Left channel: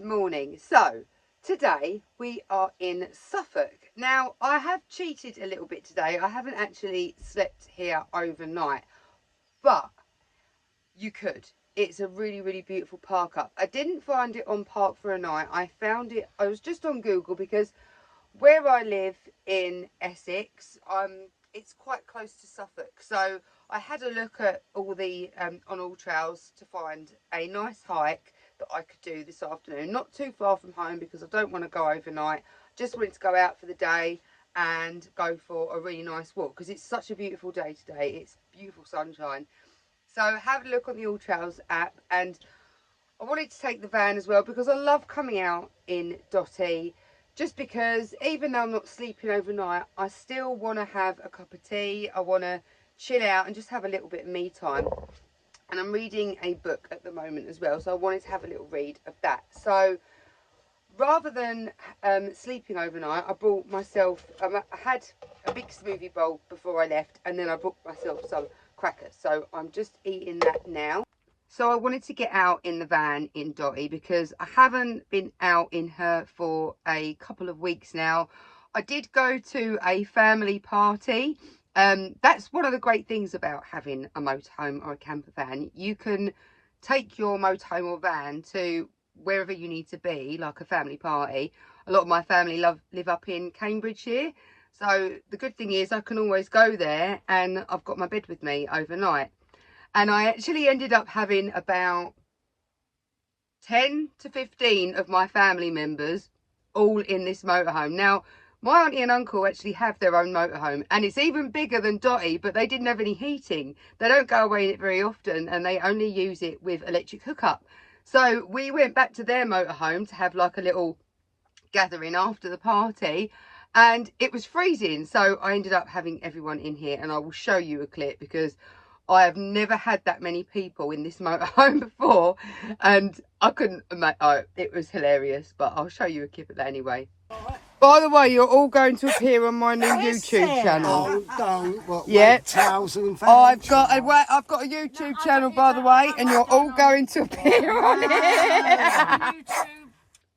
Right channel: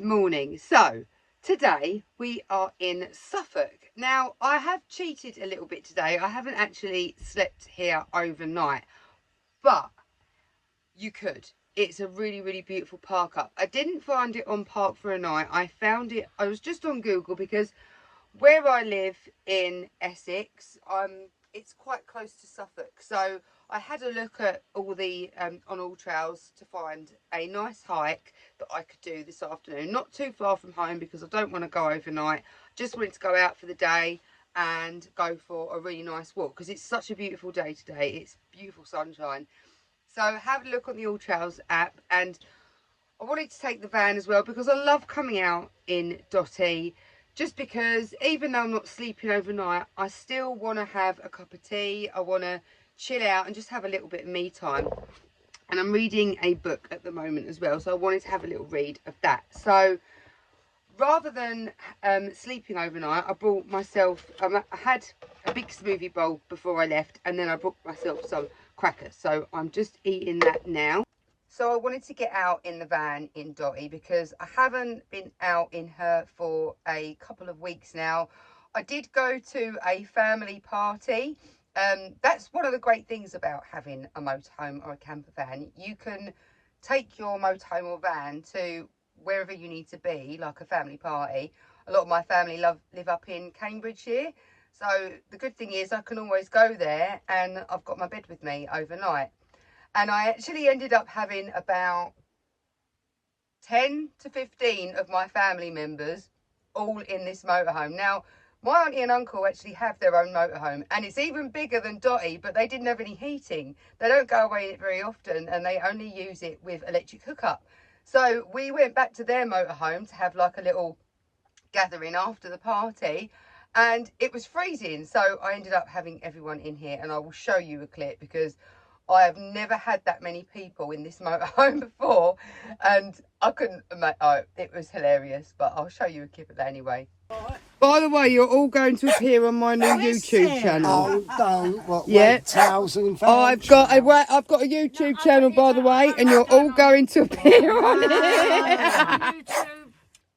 Good morning. So today we are in Suffolk. Now I have cheated a little bit today. I haven't actually slept here overnight, but you could. It's a really beautiful park up. I didn't find it on Park for a Night. I found it, I was just on Google because where I live in Essex, it's quite close to Suffolk. So I had a look at all the on All Trails to find a nice hike that I could do this afternoon. Not too far from home because I don't want to go overnight. Just wanted to go out for the day and go for a really nice walk because it's such a beautiful day today. It's beautiful sunshine. So have a look on the All Trails app, and I wanted to take the van as well because I love coming out in Dotty. Just because even though I'm not sleeping overnight, I still want to have a cup of tea. I want to chill out and just have a little bit of me time. And I'm reading a book at the moment as well, so I wanted to have a little read of that. So rather than sleeping overnight, I brought myself, I had a big smoothie bowl before I left, and then I brought myself some crackers. So I'm just eating that now. So I wanted to get out in the van in Dotty because I haven't been out in her for a couple of weeks now. I did go to a family party. That's one of the great things about having a motorhome or a camper van. You can take your motorhome or van to wherever you need to be, like a family party. A lot of my family live up in Cambridgeshire. So the good thing is I can always go there and I've got my bed with me overnight. And I actually ended up having about 10 to 15 of my family members all in this motorhome. Now, my auntie and uncle actually have their own motorhome, and it's even bigger than Dotty, but they didn't have any heating. They don't go away in it very often, and they only use it with electric hookup. So we went back to their motorhome to have like a little gathering after the party, and it was freezing. So I ended up having everyone in here, and I will show you a clip because I have never had that many people in this motorhome before, and I couldn't imagine. Oh, it was hilarious, but I'll show you a clip of that anyway. By the way, you're all going to appear on my new YouTube channel. Oh, don't. What, Yeah. towels and I've got a YouTube channel, by the way, and you're all going to appear on it.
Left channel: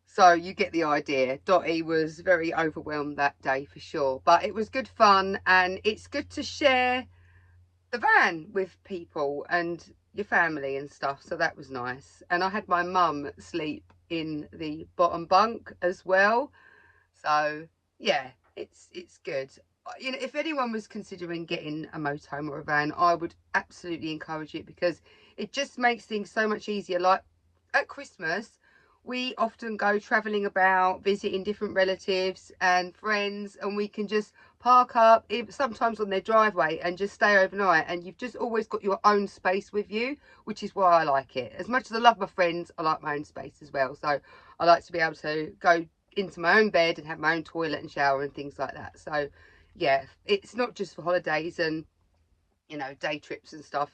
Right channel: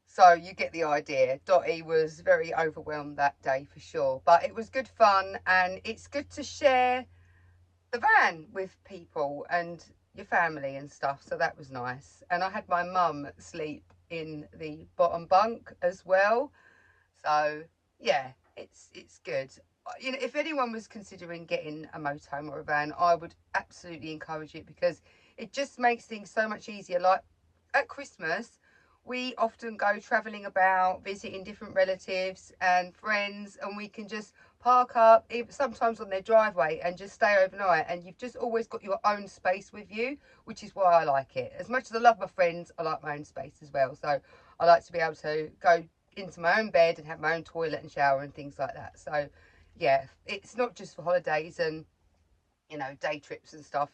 So you get the idea. Dotty was very overwhelmed that day for sure, but it was good fun, and it's good to share the van with people and your family and stuff, so that was nice. And I had my mum sleep in the bottom bunk as well, so yeah, it's good. You know, if anyone was considering getting a motorhome or a van, I would absolutely encourage it because it just makes things so much easier. Like at Christmas, we often go travelling about, visiting different relatives and friends, and we can just park up, sometimes on their driveway, and just stay overnight. And you've just always got your own space with you, which is why I like it. As much as I love my friends, I like my own space as well. So I like to be able to go into my own bed and have my own toilet and shower and things like that. So yeah, it's not just for holidays and, you know, day trips and stuff.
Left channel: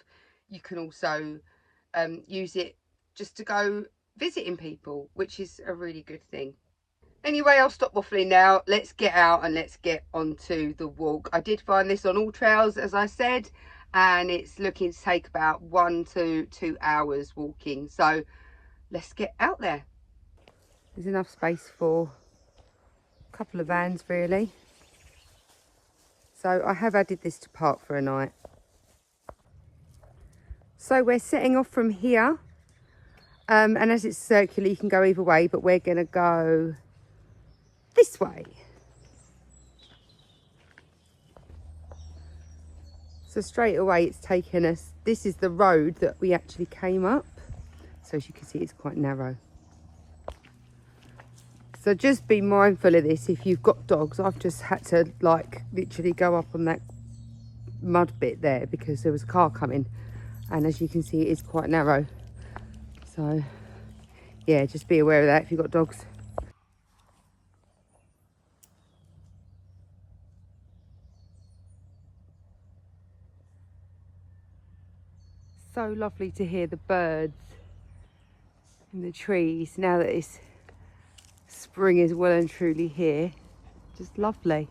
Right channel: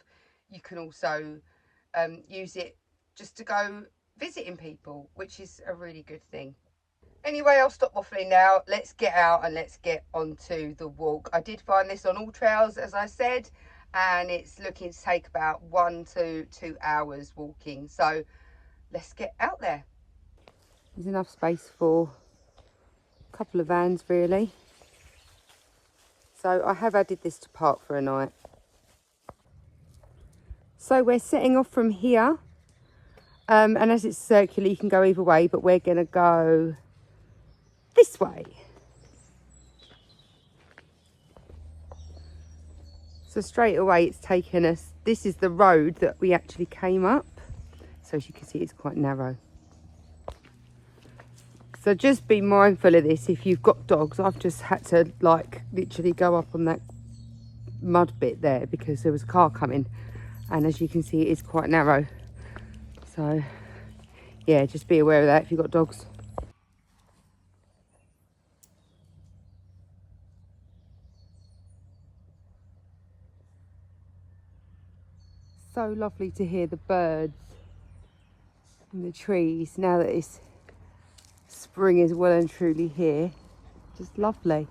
You can also use it just to go visiting people, which is a really good thing. Anyway, I'll stop waffling now. Let's get out and let's get onto the walk. I did find this on All Trails, as I said, and it's looking to take about 1 to 2 hours walking. So let's get out there. There's enough space for a couple of vans really. So I have added this to Park for a Night. So we're setting off from here. And as it's circular, you can go either way, but we're going to go this way. So straight away it's taken us, this is the road that we actually came up. So as you can see, it's quite narrow. So just be mindful of this if you've got dogs. I've just had to like literally go up on that mud bit there because there was a car coming. And as you can see, it is quite narrow. So yeah, just be aware of that if you've got dogs. So lovely to hear the birds and the trees now that it's spring is well and truly here. Just lovely.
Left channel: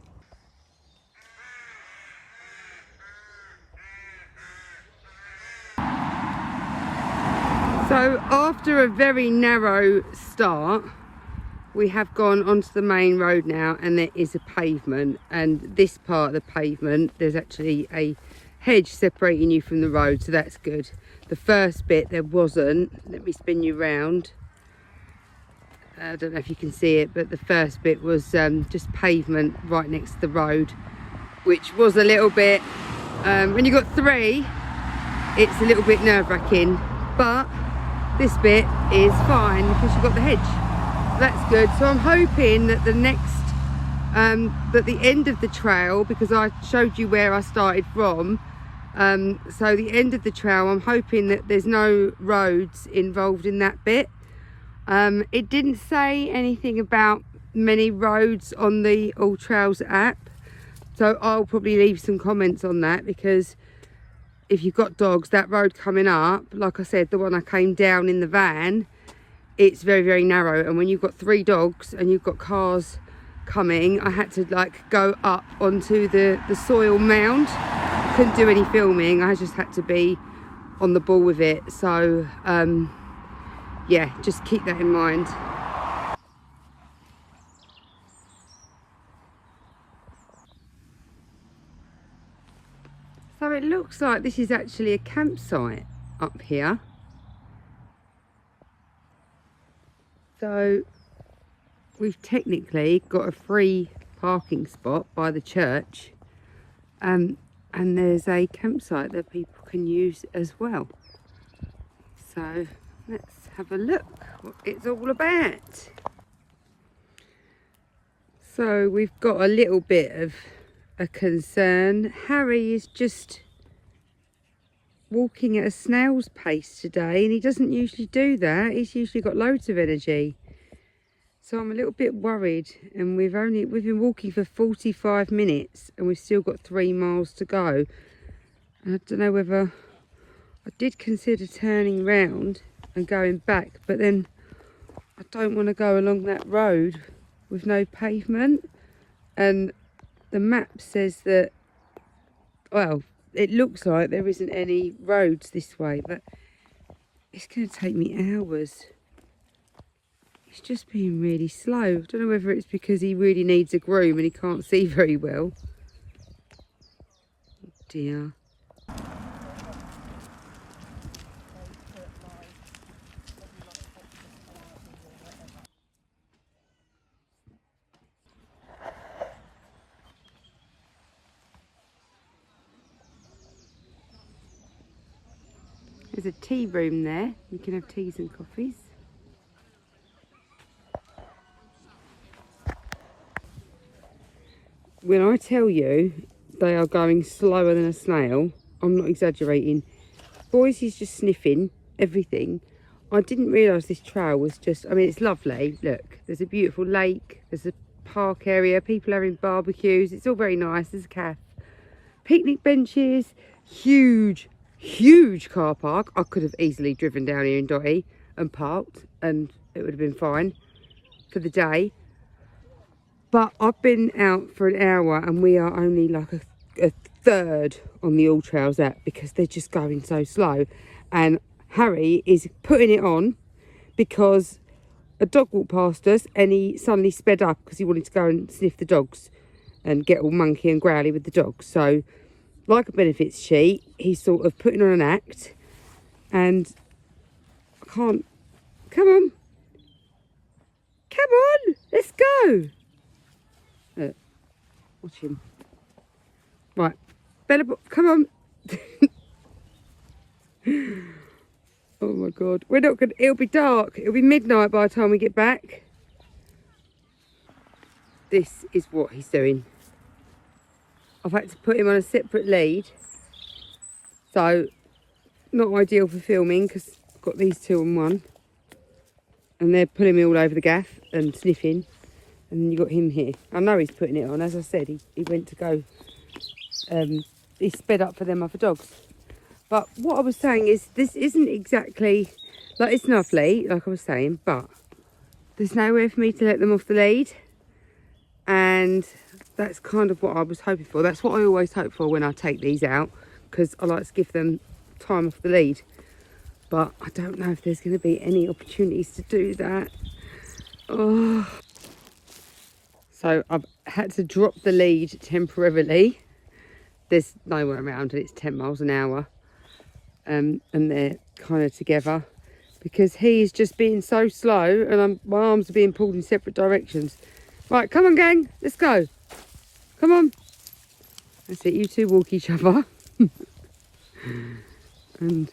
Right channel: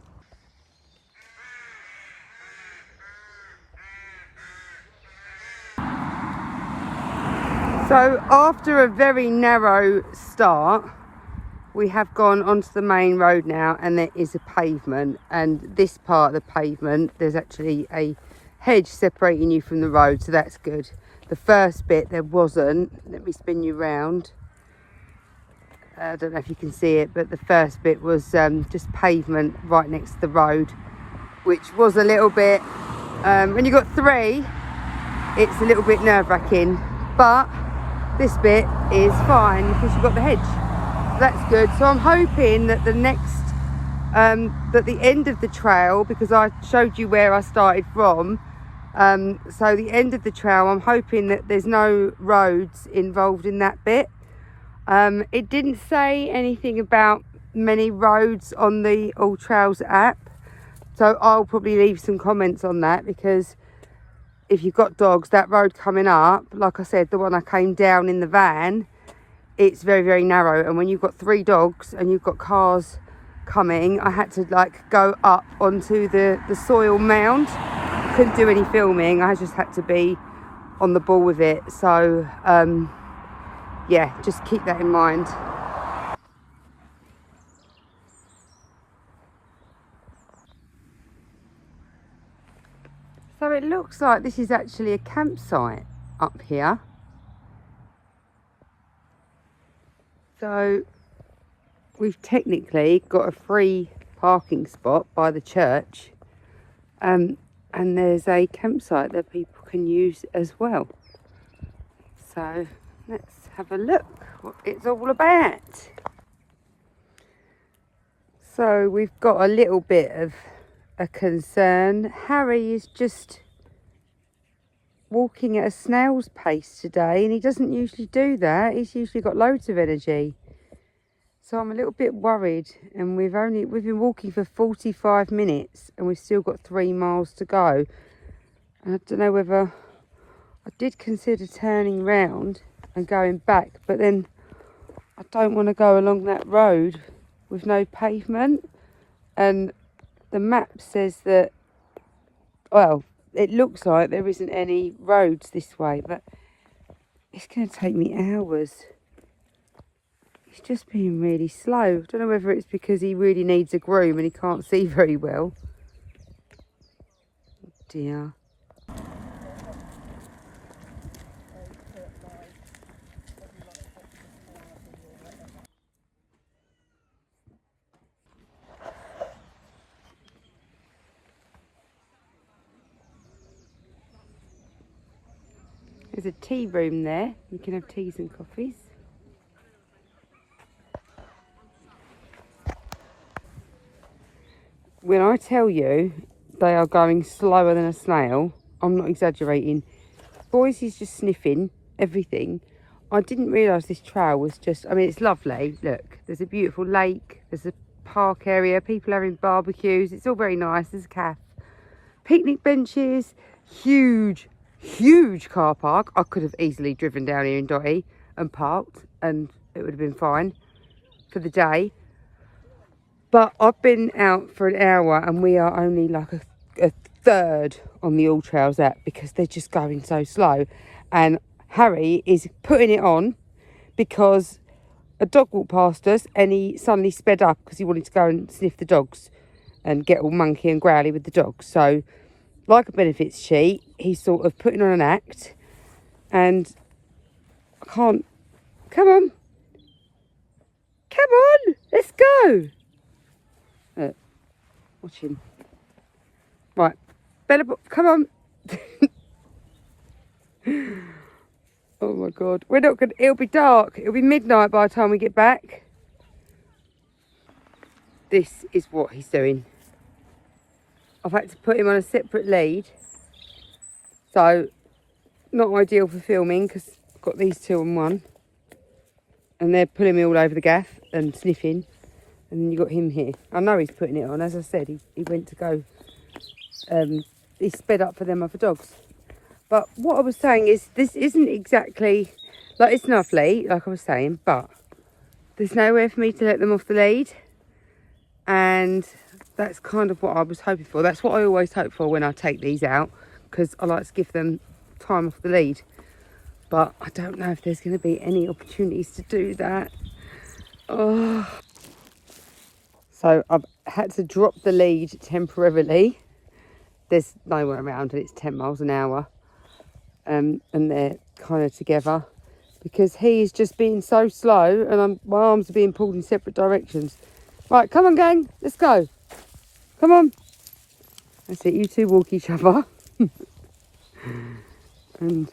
So after a very narrow start, we have gone onto the main road now, and there is a pavement, and this part of the pavement, there's actually a hedge separating you from the road, so that's good. The first bit there wasn't. Let me spin you round. I don't know if you can see it, but the first bit was just pavement right next to the road, which was a little bit, when you've got three, it's a little bit nerve-wracking, but this bit is fine because you've got the hedge. That's good. So I'm hoping that the next, that the end of the trail, because I showed you where I started from, so the end of the trail, I'm hoping that there's no roads involved in that bit. It didn't say anything about many roads on the All Trails app, so I'll probably leave some comments on that, because if you've got dogs, that road coming up, like I said, the one I came down in the van, it's very, very narrow, and when you've got 3 dogs and you've got cars coming, I had to like go up onto the soil mound. Couldn't do any filming, I just had to be on the ball with it. So yeah, just keep that in mind. So it looks like this is actually a campsite up here. So we've technically got a free parking spot by the church, and there's a campsite that people can use as well. So let's have a look what it's all about. So we've got a little bit of a concern. Harry is just walking at a snail's pace today, and he doesn't usually do that. He's usually got loads of energy. So I'm a little bit worried, and we've been walking for 45 minutes and we've still got 3 miles to go. And I don't know whether, I did consider turning round and going back, but then I don't want to go along that road with no pavement, and the map says that, well, it looks like there isn't any roads this way, but it's going to take me hours. It's just being really slow. I don't know whether it's because he really needs a groom and he can't see very well. Oh dear. There's a tea room there. You can have teas and coffees. When I tell you they are going slower than a snail, I'm not exaggerating. Boys is just sniffing everything. I didn't realise this trail was just, I mean, it's lovely. Look, there's a beautiful lake. There's a park area. People are having barbecues. It's all very nice. There's a cafe. Picnic benches. Huge car park. I could have easily driven down here in Dotty and parked, and it would have been fine for the day. But I've been out for an hour and we are only like a third on the All Trails app because they're just going so slow. And Harry is putting it on because a dog walked past us and he suddenly sped up because he wanted to go and sniff the dogs and get all monkey and growly with the dogs. So like a benefits sheet, he's sort of putting on an act, and I can't, come on, let's go. Watch him. Right, Bella, come on. Oh my God, we're not gonna, it'll be dark. It'll be midnight by the time we get back. This is what he's doing. I've had to put him on a separate lead. So, not ideal for filming because I've got these 2 on one. And they're pulling me all over the gaff and sniffing. And then you've got him here. I know he's putting it on. As I said, he went to go, he sped up for them other dogs. But what I was saying is, this isn't exactly, like, it's lovely, like I was saying, but there's nowhere for me to let them off the lead. And that's kind of what I was hoping for. That's what I always hope for when I take these out, because I like to give them time off the lead. but I don't know if there's going to be any opportunities to do that. Oh. So I've had to drop the lead temporarily. There's nowhere around and it's 10 miles an hour. And they're kind of together because he's just being so slow and my arms are being pulled in separate directions. Right, come on gang, let's go. Come on. That's it, you two walk each other. And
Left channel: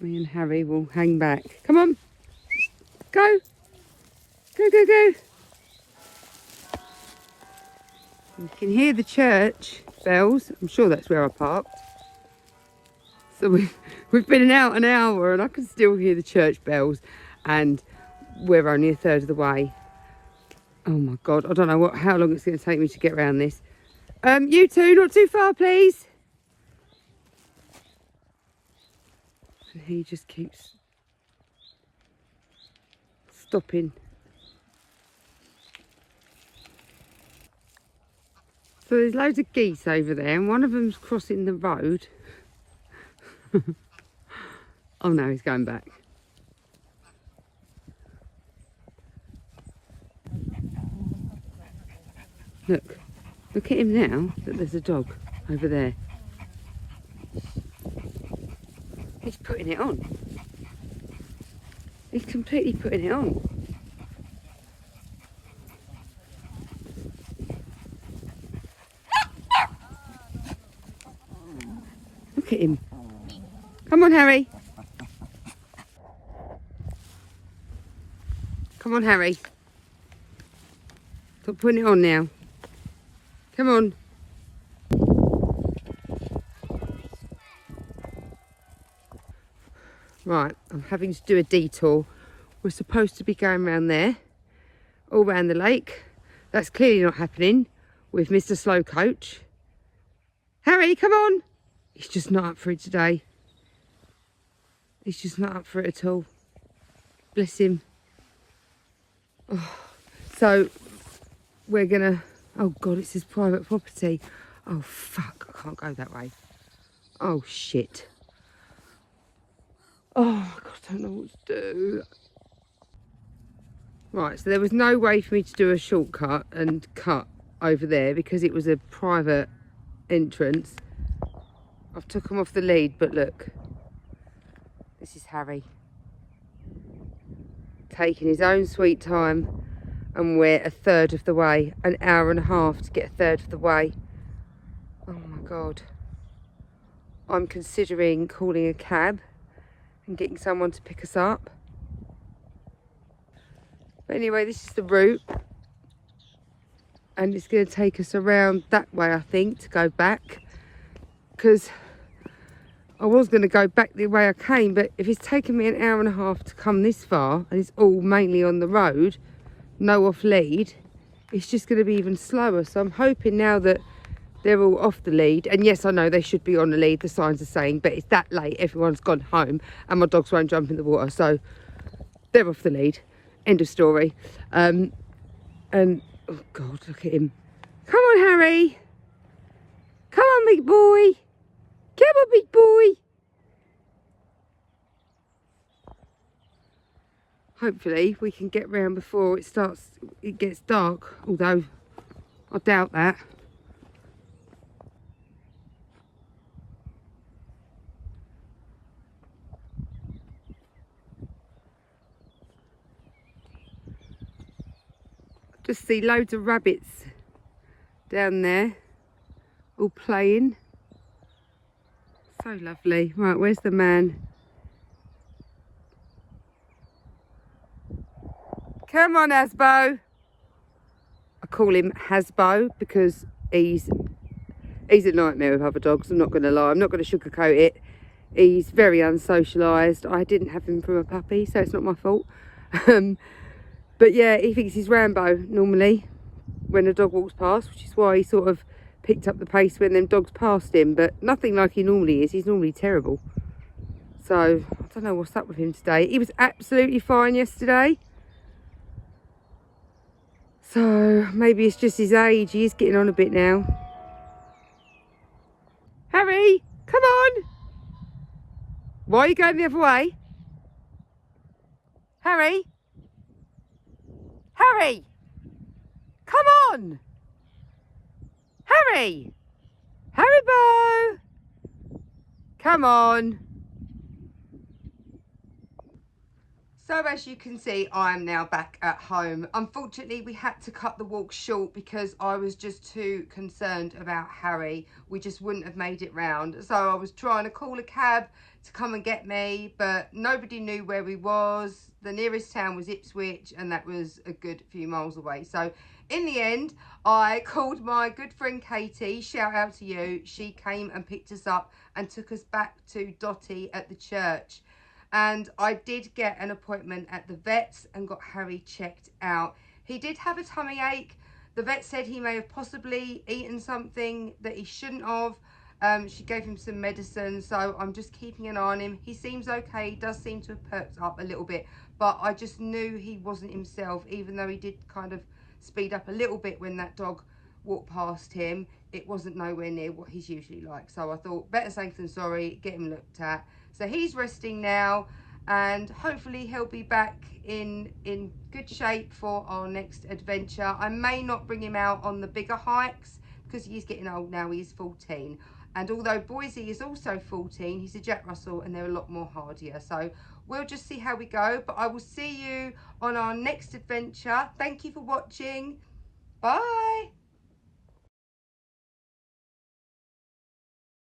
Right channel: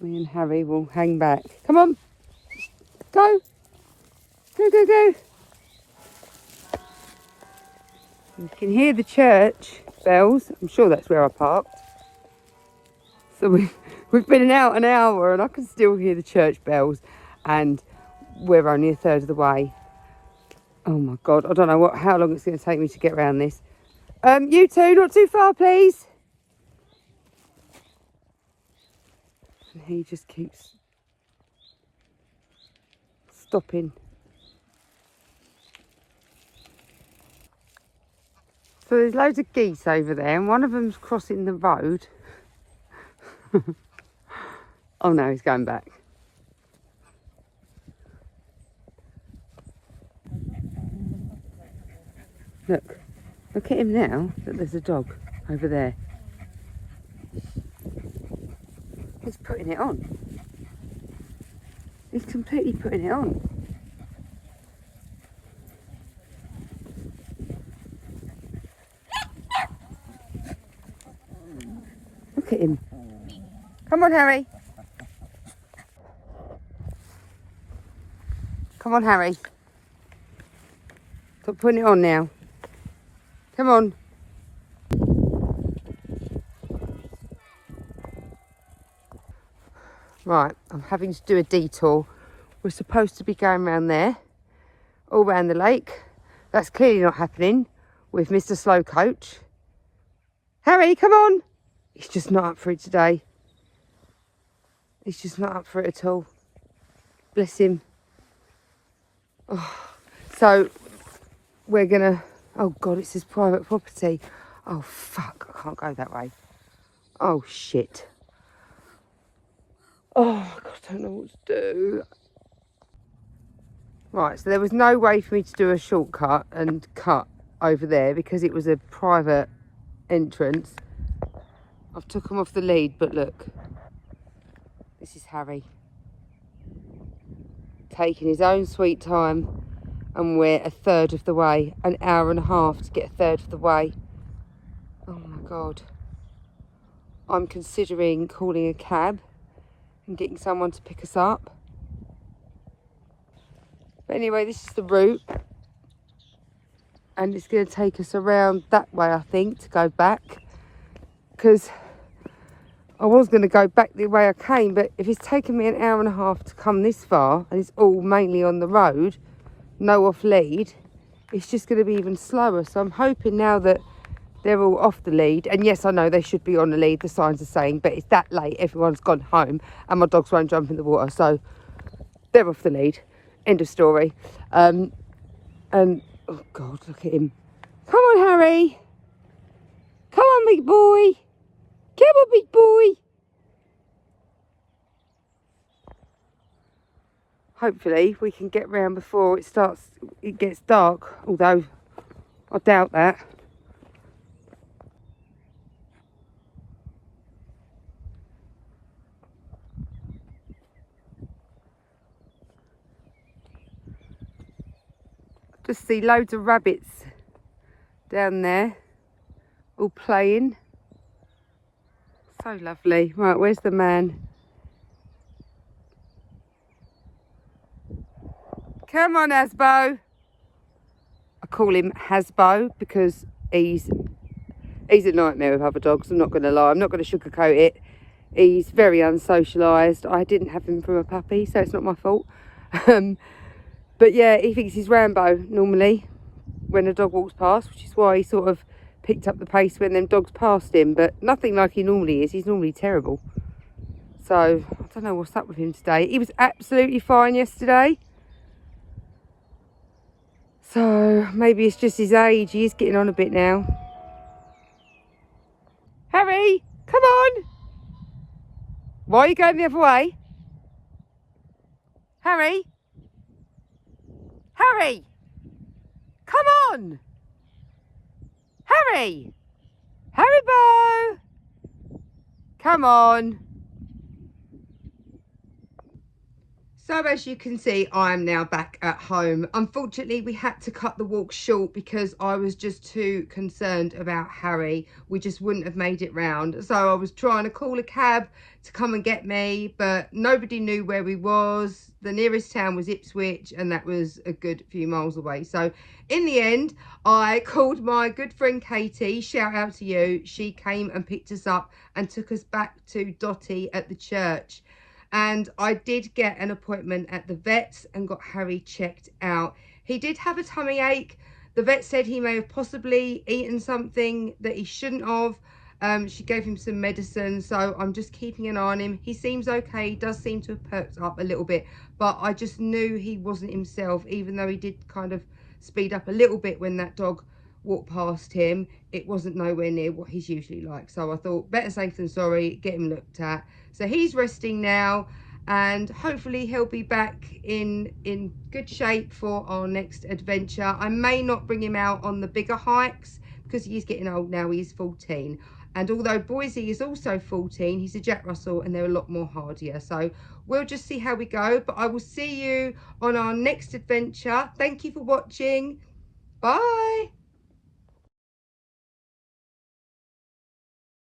me and Harry will hang back. Come on. Go. Go, go, go. You can hear the church bells. I'm sure that's where I parked. So we've been out an hour and I can still hear the church bells and we're only a third of the way. Oh my God, I don't know how long it's going to take me to get around this. You two, not too far, please. And he just keeps stopping. So there's loads of geese over there and one of them's crossing the road. Oh no, he's going back. Look at him now. Look, there's a dog over there. He's putting it on. He's completely putting it on. Look at him. Come on, Harry. Come on, Harry. Stop putting it on now. Come on. Right, I'm having to do a detour. We're supposed to be going around there, all round the lake. That's clearly not happening with Mr. Slow Coach. Harry, come on. He's just not up for it today. He's just not up for it at all. Bless him. Oh. So we're gonna, oh God, it's his private property. Oh fuck, I can't go that way. Oh shit. Oh God, I don't know what to do. Right, so there was no way for me to do a shortcut and cut over there because it was a private entrance. I've took him off the lead, but look. This is Harry. Taking his own sweet time, and we're a third of the way. An hour and a half to get a third of the way. Oh my God. I'm considering calling a cab and getting someone to pick us up. But anyway, this is the route. And it's going to take us around that way, I think, to go back. Because I was going to go back the way I came, but if it's taken me an hour and a half to come this far, and it's all mainly on the road, no off lead, it's just going to be even slower. So I'm hoping now that they're all off the lead, and yes, I know they should be on the lead, the signs are saying, but it's that late, everyone's gone home, and my dogs won't jump in the water, so they're off the lead. End of story. And, oh God, look at him. Come on, Harry. Come on, big boy. Come on, big boy. Hopefully we can get round before it gets dark, although I doubt that. Just see loads of rabbits down there, all playing. So lovely. Right, where's the man? Come on, Hasbo. I call him Hasbo because he's a nightmare with other dogs. I'm not going to lie. I'm not going to sugarcoat it. He's very unsocialised. I didn't have him from a puppy, so it's not my fault. But yeah, he thinks he's Rambo normally when a dog walks past, which is why he sort of picked up the pace when them dogs passed him, but nothing like he normally is. He's normally terrible. So I don't know what's up with him today. He was absolutely fine yesterday. So maybe it's just his age. He is getting on a bit now. Harry, come on. Why are you going the other way? Harry? Harry! Come on! Harry! Haribo! Come on! So as you can see, I am now back at home. Unfortunately, we had to cut the walk short because I was just too concerned about Harry. We just wouldn't have made it round. So I was trying to call a cab to come and get me, but nobody knew where we was. The nearest town was Ipswich, and that was a good few miles away. So in the end, I called my good friend Katie, shout out to you. She came and picked us up and took us back to Dotty at the church. And I did get an appointment at the vet's and got Harry checked out. He did have a tummy ache. The vet said he may have possibly eaten something that he shouldn't have. She gave him some medicine, so I'm just keeping an eye on him. He seems okay, he does seem to have perked up a little bit, but I just knew he wasn't himself, even though he did kind of speed up a little bit when that dog walked past him. It wasn't nowhere near what he's usually like, so I thought better safe than sorry, get him looked at. So he's resting now, and hopefully he'll be back in good shape for our next adventure. I may not bring him out on the bigger hikes because he's getting old now. He's 14, and although Boise is also 14, he's a Jack Russell and they're a lot more hardier. So we'll just see how we go, but I will see you on our next adventure. Thank you for watching. Bye.